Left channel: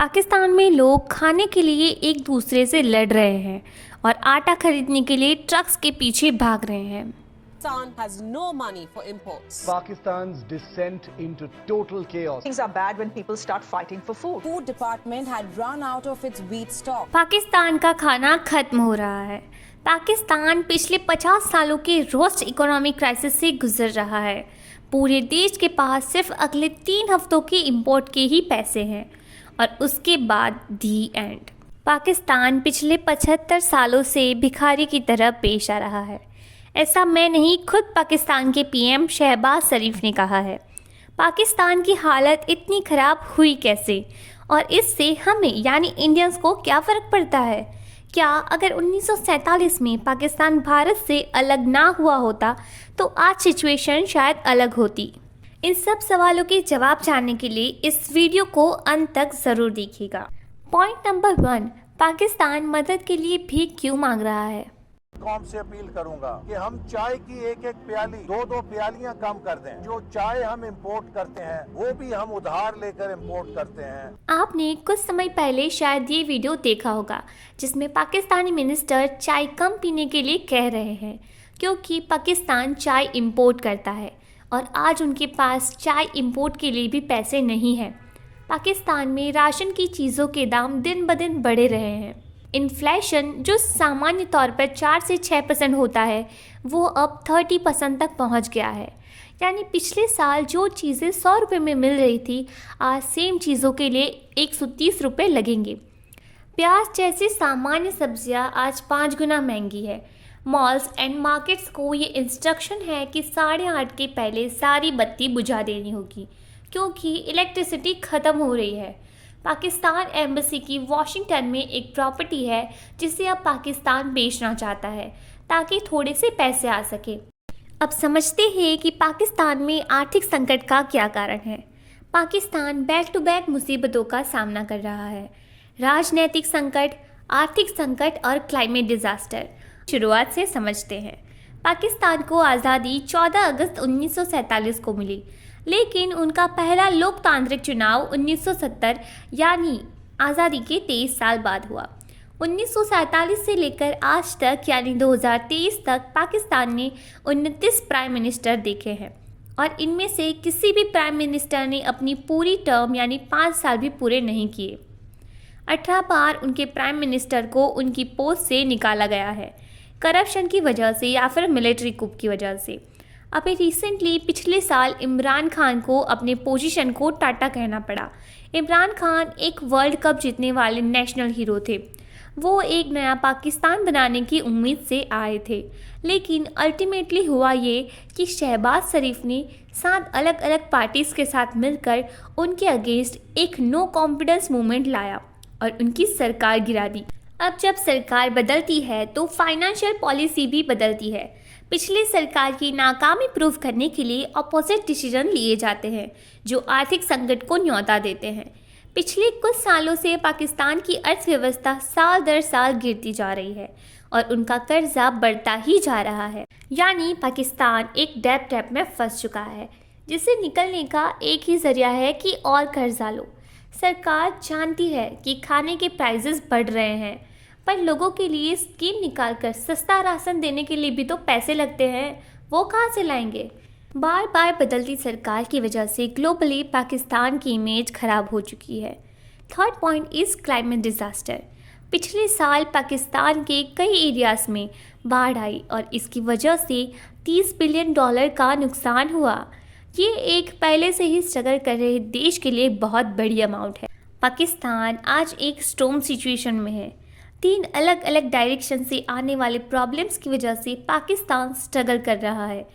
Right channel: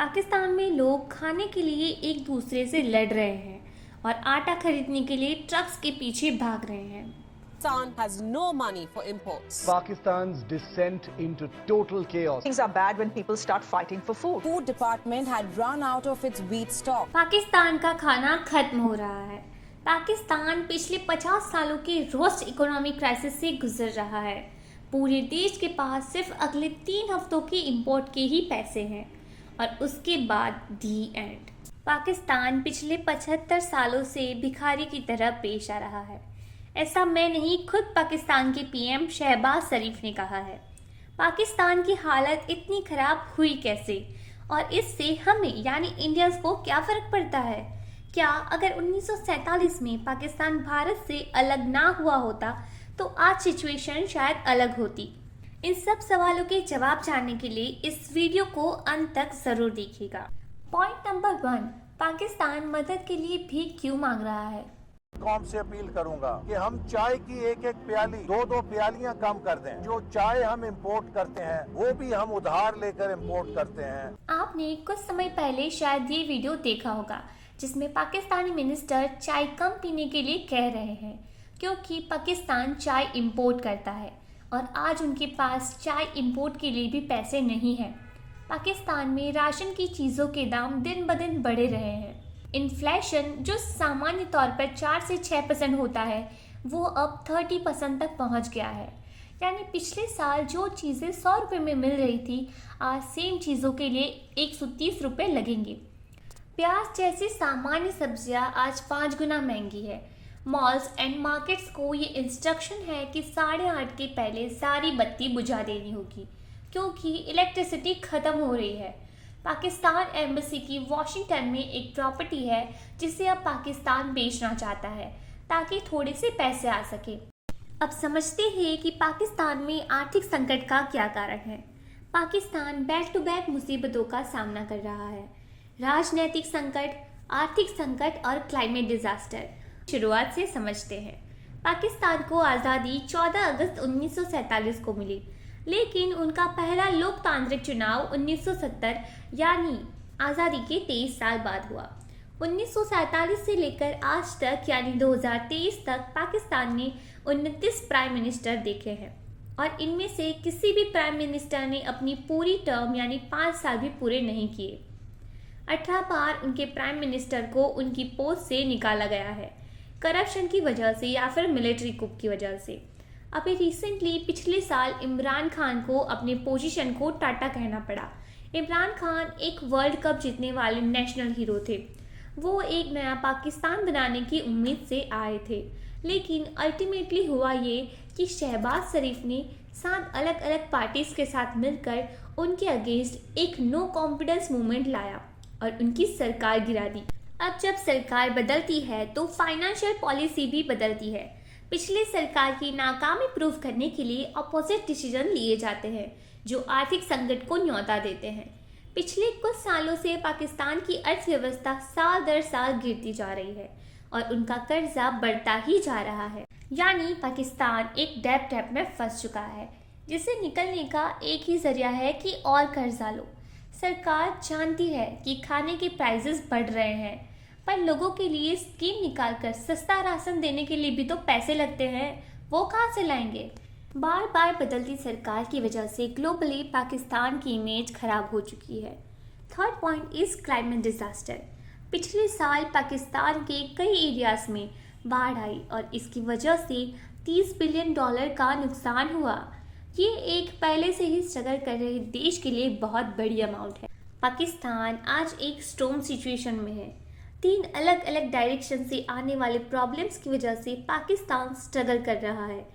पाकिस्तान में लोग खाने के लिए एक दूसरे से लड़ रहे हैं और आटा खरीदने के लिए ट्रक्स के पीछे भाग रहे हैं। Pakistan has no money for imports. Pakistan's descent into total chaos. Things are bad when people start fighting for food. Food department had run out of its wheat stock. Pakistan का खाना खत्म हो रहा है। पाकिस्तान पिछले 50 सालों के रोस्ट इकोनॉमिक क्राइसिस से गुजर रहा है। पूरे देश के पास सिर्फ अगले 3 हफ्तों के इंपोर्ट के ही पैसे हैं और उसके बाद दी एंड। पाकिस्तान पिछले 75 सालों से भिखारी की तरह पेश आ रहा है। ऐसा मैं नहीं, खुद पाकिस्तान के पीएम शहबाज शरीफ ने कहा है। पाकिस्तान की हालत इतनी ख़राब हुई कैसे और इससे हमें यानी इंडियंस को क्या फ़र्क पड़ता है? क्या अगर 1947 में पाकिस्तान भारत से अलग ना हुआ होता तो आज सिचुएशन शायद अलग होती? इन सब सवालों के जवाब जानने के लिए इस वीडियो को अंत तक ज़रूर देखिएगा। पॉइंट नंबर 1, पाकिस्तान मदद के लिए भीख क्यों मांग रहा है? कौम से अपील करूंगा कि हम चाय की एक प्याली 2 प्यालियां कम कर दें। जो चाय हम इंपोर्ट करते हैं वो भी हम उधार लेकर इंपोर्ट करते हैं। आपने कुछ समय पहले शायद ये वीडियो देखा होगा जिसमें पाकिस्तानी मिनिस्टर चाय कम पीने के लिए कह रहे हैं क्योंकि पाकिस्तान चाय इंपोर्ट करता है और आज उनके पास चाय इंपोर्ट के लिए भी पैसे नहीं हैं। पाकिस्तान में राशन की चीज़ों के दाम दिन ब दिन बढ़े रहे हैं। इन्फ्लेशन जो सामान्य तौर पर 4 से 6% होता है वो अब 30% तक पहुंच गया है। यानी पिछले साल जो चीज़ें 100 रुपये में मिल रही थी आज सेम चीज़ों के लिए 130 रुपये लगेंगे। प्याज जैसी सामान्य सब्जियां आज 5 गुना महंगी है। मॉल्स एंड मार्केट्स को ये इंस्ट्रक्शन है कि 8:30 के पहले सारी बत्ती बुझा देनी होगी क्योंकि इलेक्ट्रिसिटी ख़त्म हो रही है। पाकिस्तान एम्बेसी की वॉशिंगटन में एक प्रॉपर्टी है जिसे अब पाकिस्तान बेचना चाहता है ताकि थोड़े से पैसे आ सके। अब समझते हैं कि पाकिस्तान में आर्थिक संकट का क्या कारण है। पाकिस्तान बैक टू बैक मुसीबतों का सामना कर रहा है। राजनैतिक संकट, आर्थिक संकट और क्लाइमेट डिजास्टर। शुरुआत से समझते हैं। पाकिस्तान को आज़ादी 14 अगस्त 1947 को मिली, लेकिन उनका पहला लोकतांत्रिक चुनाव 1970 यानी आज़ादी के 23 साल बाद हुआ। 1947 से लेकर आज तक यानी 2023 तक पाकिस्तान ने 29 प्राइम मिनिस्टर देखे हैं और इनमें से किसी भी प्राइम मिनिस्टर ने अपनी पूरी टर्म यानी 5 साल भी पूरे नहीं किए। 18 बार उनके प्राइम मिनिस्टर को उनकी पोस्ट से निकाला गया है, करप्शन की वजह से या फिर मिलिट्री कुप की वजह से। अभी रिसेंटली पिछले साल इमरान खान को अपने पोजीशन को टाटा कहना पड़ा। इमरान खान एक वर्ल्ड कप जीतने वाले नेशनल हीरो थे। वो एक नया पाकिस्तान बनाने की उम्मीद से आए थे, लेकिन अल्टीमेटली हुआ ये कि शहबाज शरीफ ने 7 अलग अलग पार्टीज़ के साथ मिलकर उनके अगेंस्ट एक नो कॉन्फिडेंस मूवमेंट लाया और उनकी सरकार गिरा दी। अब जब सरकार बदलती है तो फाइनेंशियल पॉलिसी भी बदलती है। पिछली सरकार की नाकामी प्रूव करने के लिए अपोजिट डिसीजन लिए जाते हैं जो आर्थिक संकट को न्योता देते हैं। पिछले कुछ सालों से पाकिस्तान की अर्थव्यवस्था साल दर साल गिरती जा रही है और उनका कर्जा बढ़ता ही जा रहा है। यानी पाकिस्तान एक डेट ट्रैप में फंस चुका है जिससे निकलने का एक ही जरिया है कि और कर्जा लो। सरकार जानती है कि खाने के प्राइसेस बढ़ रहे हैं, पर लोगों के लिए स्कीम निकालकर सस्ता राशन देने के लिए भी तो पैसे लगते हैं, वो कहाँ से लाएंगे? बार बार बदलती सरकार की वजह से ग्लोबली पाकिस्तान की इमेज खराब हो चुकी है। Third point is climate disaster. पिछले साल पाकिस्तान के कई एरियाज में बाढ़ आई और इसकी वजह से $30 बिलियन का नुकसान हुआ। ये एक पहले से ही स्ट्रगल कर रहे देश के लिए बहुत बड़ी अमाउंट है। पाकिस्तान आज एक स्टॉर्म सिचुएशन में है। 3 अलग अलग डायरेक्शन से आने वाले प्रॉब्लम्स की वजह से पाकिस्तान स्ट्रगल कर रहा है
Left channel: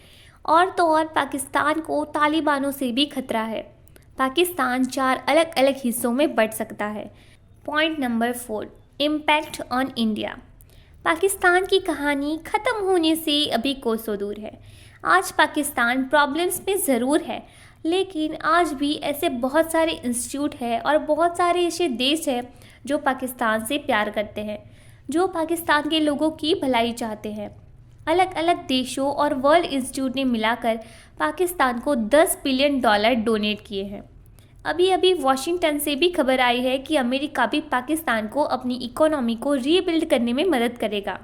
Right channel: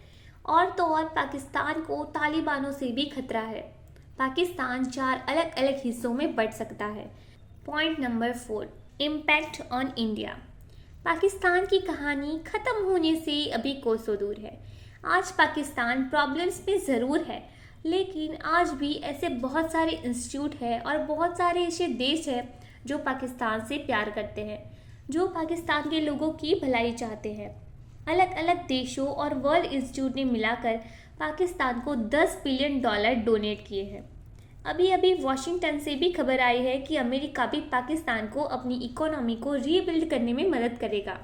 और तो और पाकिस्तान को तालिबानों से भी खतरा है। पाकिस्तान 4 अलग अलग हिस्सों में बढ़ सकता है। Point number 4, impact on India. Pakistan की कहानी ख़त्म होने से अभी कोसों दूर है। आज पाकिस्तान प्रॉब्लम्स में ज़रूर है, लेकिन आज भी ऐसे बहुत सारे इंस्टीट्यूट है और बहुत सारे ऐसे देश हैं जो पाकिस्तान से प्यार करते हैं, जो पाकिस्तान के लोगों की भलाई चाहते हैं। अलग अलग देशों और वर्ल्ड इंस्टीट्यूट ने मिलाकर पाकिस्तान को $10 बिलियन डोनेट किए हैं। अभी अभी वॉशिंगटन से भी खबर आई है कि अमेरिका भी पाकिस्तान को अपनी इकोनॉमी को रीबिल्ड करने में मदद करेगा।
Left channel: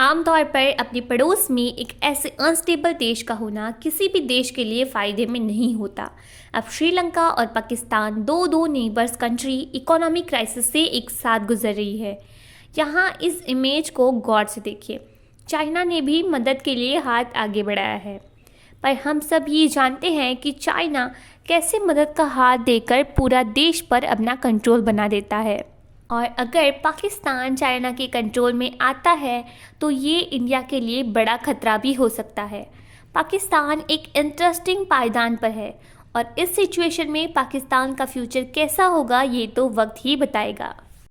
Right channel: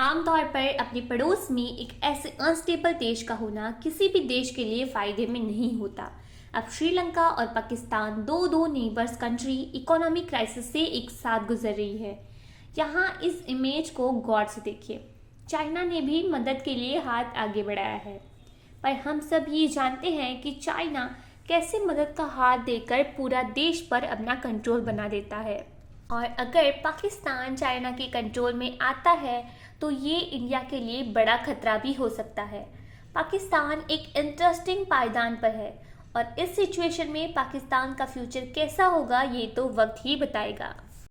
आमतौर पर अपने पड़ोस में एक ऐसे अनस्टेबल देश का होना किसी भी देश के लिए फ़ायदे में नहीं होता। अब श्रीलंका और पाकिस्तान दो नेबर्स कंट्री इकोनॉमिक क्राइसिस से एक साथ गुजर रही है। यहाँ इस इमेज को गौर से देखिए। चाइना ने भी मदद के लिए हाथ आगे बढ़ाया है, पर हम सब ये जानते हैं कि चाइना कैसे मदद का हाथ देकर पूरा देश पर अपना कंट्रोल बना देता है। और अगर पाकिस्तान चाइना के कंट्रोल में आता है तो ये इंडिया के लिए बड़ा खतरा भी हो सकता है। पाकिस्तान एक इंटरेस्टिंग पायदान पर है और इस सिचुएशन में पाकिस्तान का फ्यूचर कैसा होगा ये तो वक्त ही बताएगा।